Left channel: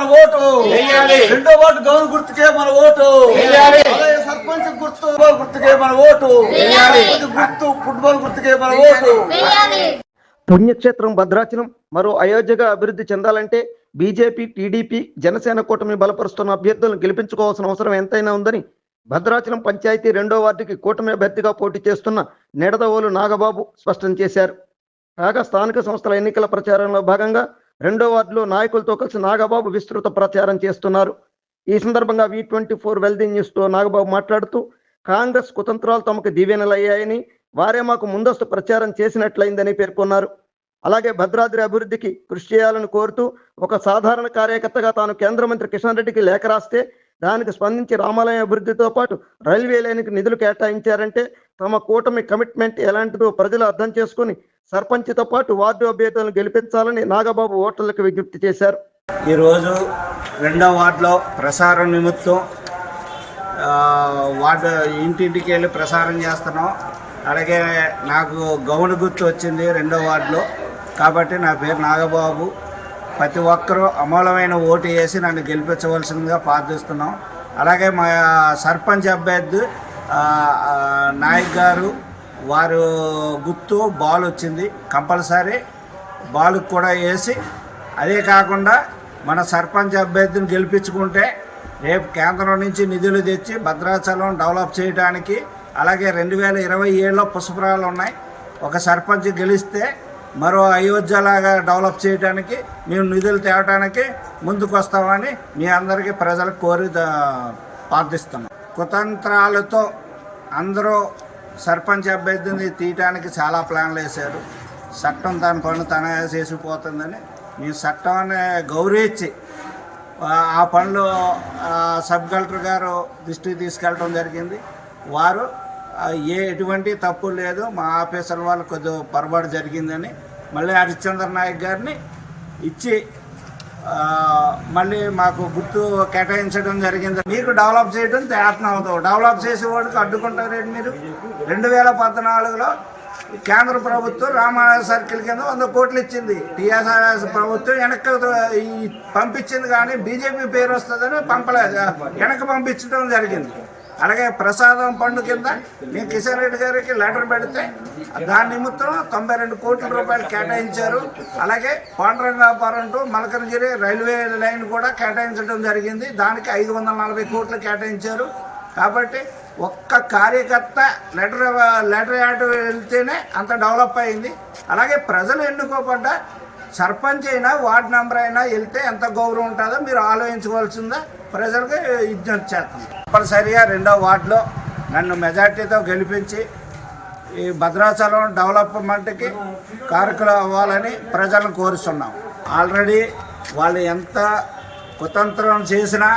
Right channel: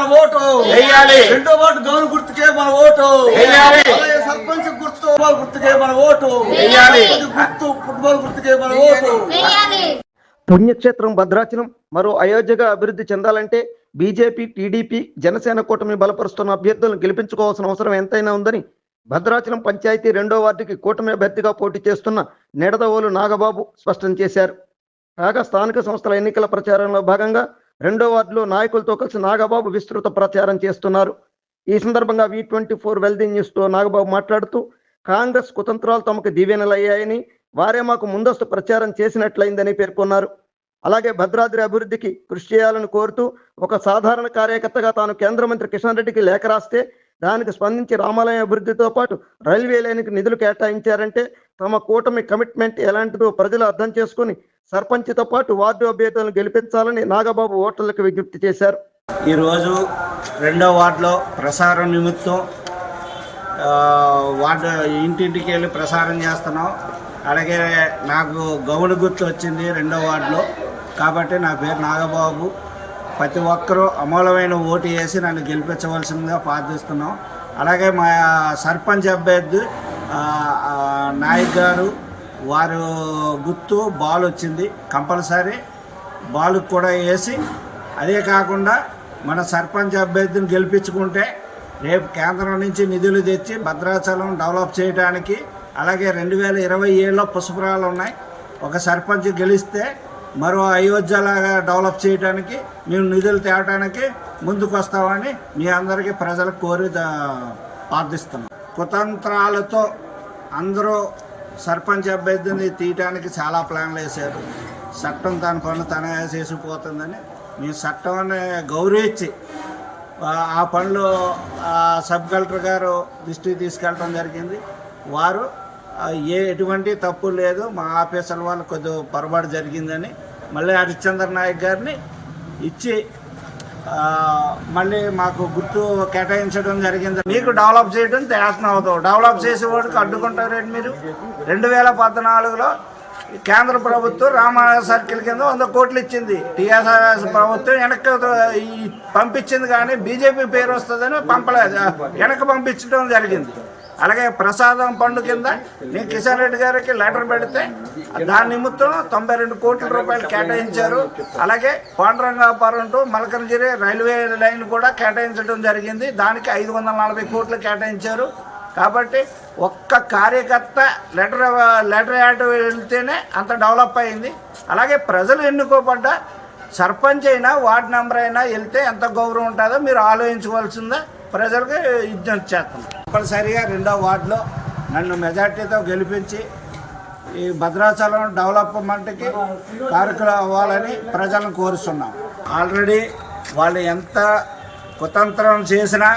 మన ఓటు. రెండో ward gown గుర్తుకే మన ఓటు. సర్పంచ్ గుర్తు ఫుట్బాల్ గుర్తుకే మన ఓటు. గుర్తు ఫుట్బాల్ గుర్తుకే మన ఓటు. పుణ్యక్షేత్రం భద్రాచలం మరో అయోధ్యగా అభివృద్ధి చెందాలంటే బీజేపీ టీడీపీ జనసేన కూటమి బలపరుస్తున్న అభ్యర్థులను గెలిపించుకోవాల్సిన అవసరం ఎంతైనా ఉందని భద్రాచలం పంచాయతీ రెండో వార్డుకి కూటమి అభ్యర్థిగా పోటీ చేస్తున్న నిడదవోలు నాగబాబు స్పష్టం చేశారు. కాగా స్థానిక సంస్థల ఎన్నికల ప్రచారంలో భాగంగా రెండో వార్డులో నాయకులతో కలిసి నాగబాబు విస్తృత ప్రచారం చేస్తున్నారు. ఈ సందర్భంగా వి ట్వంటీ ఫోర్ వెల్దీ న్యూస్తో నాగబాబు మాట్లాడుతూ కాంగ్రెస్ కుతంత్రాలు తమకు దీవెనలయ్యాయని వారే మాకు ముందస్తు ప్రచారం చేసినట్లయిందని పేర్కొన్నారు. అలాగే భద్రాద్రి అభివృద్ధికి కృషి చేయాలని కోరుతూ ఒక సాధారణ కార్యకర్తగా తాను కేంద్ర మంత్రి కిషన్ రెడ్డికి లేఖ రాస్తే దానికి స్పందించి రామాలయం అభివృద్ధితో పాటు రైల్వే లైన్కి నిధులు కేటాయించారంటే తమ కూటమి కమిట్మెంట్ ఎలాంటిదో ప్రజలు అర్థం చేసుకుని సర్పంచ్తో పాటు వార్డు అభ్యర్థులను గెలిపించాలని నాగబాబు ఓటర్లకు విజ్ఞప్తి చేశారు. ఈరోజు రెండో వార్డులో ప్రసారం నిమిత్తం వార్డు ఇంటింటికి వెళ్ళి ప్రసారం చేస్తున్నాం. అలాగే నాకు గౌను గుర్తు వచ్చింది రెండో వార్డులో. కాబట్టి నా పేరు నాగబాబు. ప్రతి ఒక్కరూ అమూలమైన ఓటు వేసి నన్ను గెలిపించవలసిందిగా ప్రార్థిస్తున్నాం. అలాగే మా సర్పంచ్ అభ్యర్థి నాయక్ గారు వారు గుర్తు బాల్ వచ్చింది కంపల్సరీ. బాల్ కూడా వేసి అదే కాకుండా మన సర్పంచ్ అభ్యర్థిని గెలిపించుకుంటే రేపు కేంద్రం నుంచి నిధులు తెచ్చి భద్రాచలం డెవలప్ చేయడానికి అలాగే రెండు వేల ఇరవై ఏడులో పుష్పరాలు ఉన్నాయి. ఒక సర్పంచ్ గెలిస్తే మరో అయోధ్యలాగా డెవలప్ చేయడానికి మేము నిధులు తేవడానికి ముందుకు వస్తామని మీ అందరికీ ప్రజలకు కోరి ప్రార్థిస్తున్నాం. కుతంత్రాలతో అందరూ సర్పంచ్ అభ్యర్థిని తీయటానికి చాలా ప్లాన్లు వేశారు. చట్టం తన పనులు తనే చేసిపోతుందని మీ చట్టాన్ని గౌరవించి ఆ పనులు ఆ, సబ్ కలెక్టర్ గారు దృష్టికి తీసుకెళ్ళడం జరిగింది. వారు ఏ ఎటువంటి తప్పు లేదు మా ఆఫీసర్ వాళ్ళు కొద్దిగా పొరపాటు జరిగిందని మళ్ళీ హరిశ్చంద్ర నాయక్ గారిని ఇచ్చి మళ్ళీ మాకు గుర్తు కేటాయించడం జరిగింది. మీకు డెవలప్ చేయడం ప్రయత్నం అవుతాం డెవలప్ చేసేవాడికి అడ్డుకుంటారండి మీరు? రెండు వేల పద్నాలుగులో కేంద్ర ప్రభుత్వం రామారాయ సర్కిల్ కింద వంద కోట్లు ఇచ్చింది. టీఆర్ఎస్ ప్రభుత్వం వెనక్కి పంపించింది కానీ బీజేపీ పేరు వస్తుందని పంపలేదు. వెనక్కి పంపించడం జరిగింది. అలాగే ప్రసాదం పండు కింద నేను కిషన్ రెడ్డి గారికి లెటర్ పెడితే దాని నిమిత్తం తొంభై రెండు కోట్ల రూపాయలు కేటాయించారు. అలాగే Pandurangapuram to Malkangiri railway line కూడా కేటాయించడం జరిగింది. దానికి ఐదు వందల నలభై కోట్లు కేటాయించారు. కాబట్టి ఒక్క కార్యకర్త లెటర్ లెటర్ యాడ్ వెళ్తేనే అంత డెవలప్ అయింది. అలాగే ప్రజలు ఎన్నుకోబడ్డ సర్పంచ్ అయినా వార్డు మెంబర్ అయినా వెళ్తే ఎంత గౌరవం ఉంటుందో మీరు ఆలోచించవలసిందా ప్రజలకు విజ్ఞప్తి చేస్తాం తప్పనిసరిగా రెండో వార్డులో నన్ను మెజార్టీతో గెలిపించి ఈ భద్రాచలం డెవలప్మెంట్కి కారకులు అవ్వాలని ప్రజలను కోరుస్తున్నాం. ఆల్రెడీ వాళ్ళు ఎంత కుతంత్రం చేసినా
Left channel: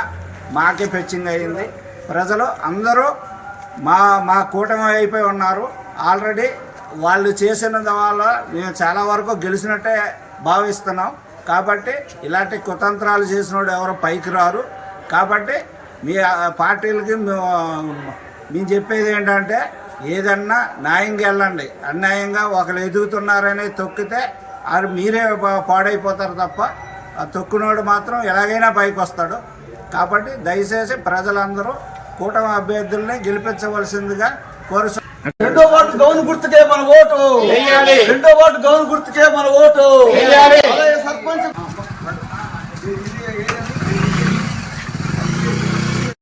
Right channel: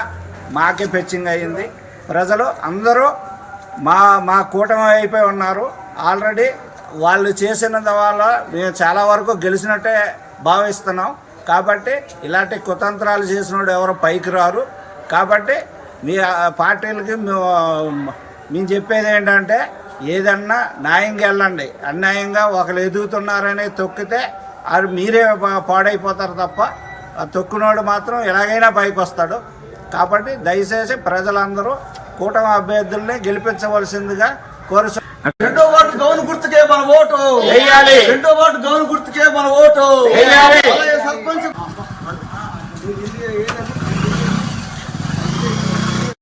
మాకే పెచ్చింగ్ అయింది. ప్రజలు అందరూ మా మా కూటమి అయిపోయి ఉన్నారు. ఆల్రెడీ వాళ్ళు చేసిన వల్ల మేము చాలా వరకు గెలిచినట్టే భావిస్తున్నాం. కాబట్టి ఇలాంటి కుతంత్రాలు చేసినోడు ఎవరు పైకి రారు. కాబట్టి మీ పార్టీలకి మేము చెప్పేది ఏంటంటే ఏదన్నా న్యాయంగా వెళ్ళండి. అన్యాయంగా ఒకరు ఎదుగుతున్నారని తొక్కితే అది మీరే పాడైపోతారు తప్ప ఆ తొక్కునోడు మాత్రం ఎలాగైనా పైకి వస్తాడు. కాబట్టి దయచేసి ప్రజలందరూ కూటమి అభ్యర్థుల్ని గెలిపించవలసిందిగా కోరుసు రెండో వాటి గౌన్ గుర్తుకే మన ఓటు. వేయాలి రెండో వాటి గౌన్ గుర్తుకే మన ఓటు. వేయాలి సర్పంచ్